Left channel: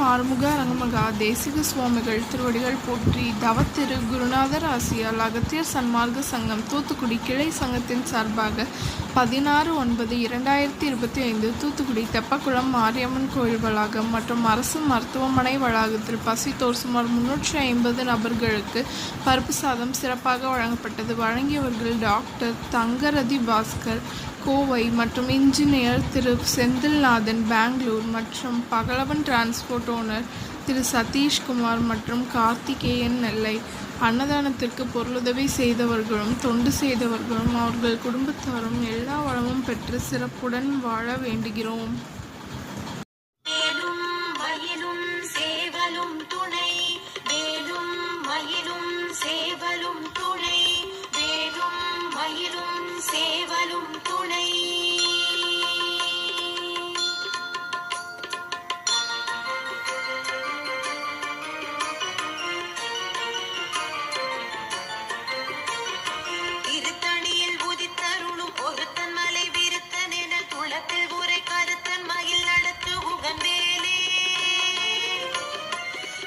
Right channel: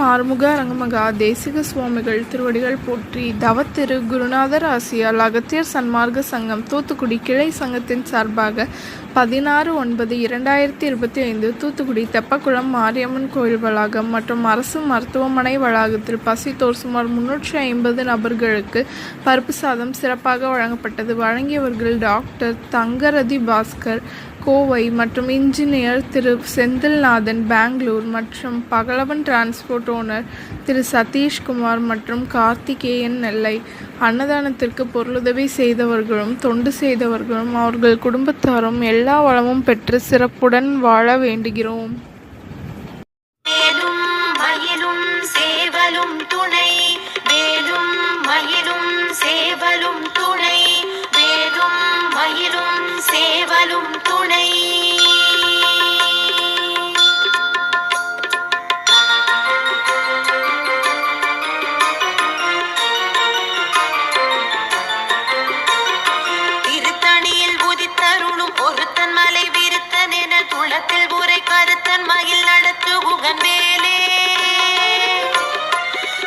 மாறுமுக அரங்கமகா தேசிக சுவாமிகள் திருவடிகள் போற்றி. தவத்திரு குருநாதர் ஆசியால் அகத்தியர் சன்மார்க்க சங்கம் தூத்துக்குடி கிளை சங்கத்தின் சார்பாக 16/9/2025 தூத்துக்குடி தெப்பக்குளம் மாரியம்மன் கோயில் வளாகம் மற்றும் அரசு மருத்துவமனை வளாகத்தில் பசித்தோர் சுமார் 350 நபர்களுக்கு பருப்பு சாதம் சிறப்பாக வழங்கப்பட்டது. வழங்கியவர்கள் டாக்டர் தங்கரதி பாஸ்கர் கோவை மற்றும் இன்ஜினியர் திரு செந்தில்நாதன் பெங்களூர் மற்றும் பகலவன் டிரான்ஸ்போர்ட் ஓனர் திரு சதீஷ்குமார் மற்றும் கார்த்திகேயன் நெல்லை. அன்னதானத்திற்கு பொருளுதவி செய்தவர்களும் தொண்டு செய்தவர்களும் அவர்கள் குடும்பத்தாரும் எல்லா வளமும் பெற்று சிறப்புடன் வாழ வேண்டுகிறோம்.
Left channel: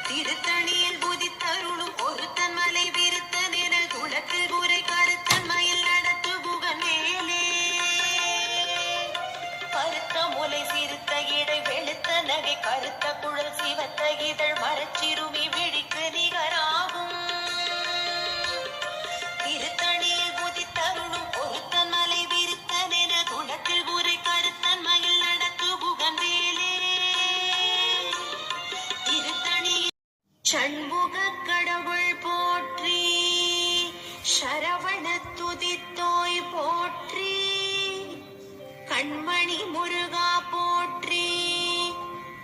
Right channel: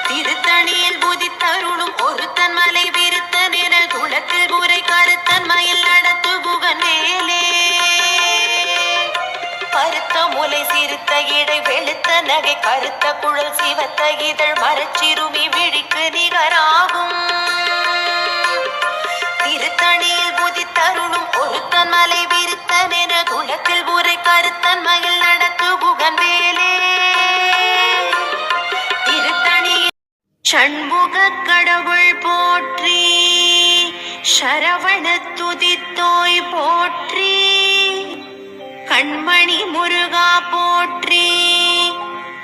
திருத்தணியில் புதித்தருளும் ஒருத்தன் மலை விருத்தன் என துளத்தில் உரை கருத்தன் மயில் நடத்து புகன் மேலே பருத்த முலை சிறுத்த இடை வெளுத்த நகை கருத்த குழல் சிவத்த இதழ் மரச்சிறுமி விழிக்கு நிகராகும். திருத்தணியில் புதித்தருளும் ஒருத்தன் மலை விருத்தன் என துளத்தில் உரை கருத்தன் மயில் நடத்து புகன் வேலே ஷண்முக கடவுள் போற்றி, சரவண துதித்தோய் போற்றி, கண்மணி முருகா போற்றி,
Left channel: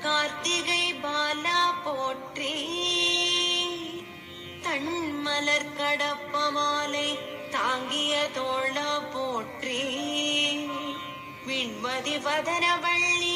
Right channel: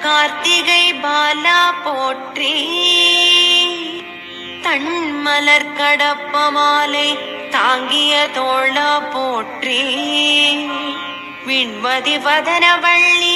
கார்த்திகை பாலா போற்றி, தன்மலர் கடப்ப மாலை தாங்கிய தோள போற்றி, விண்மதி வதன வள்ளி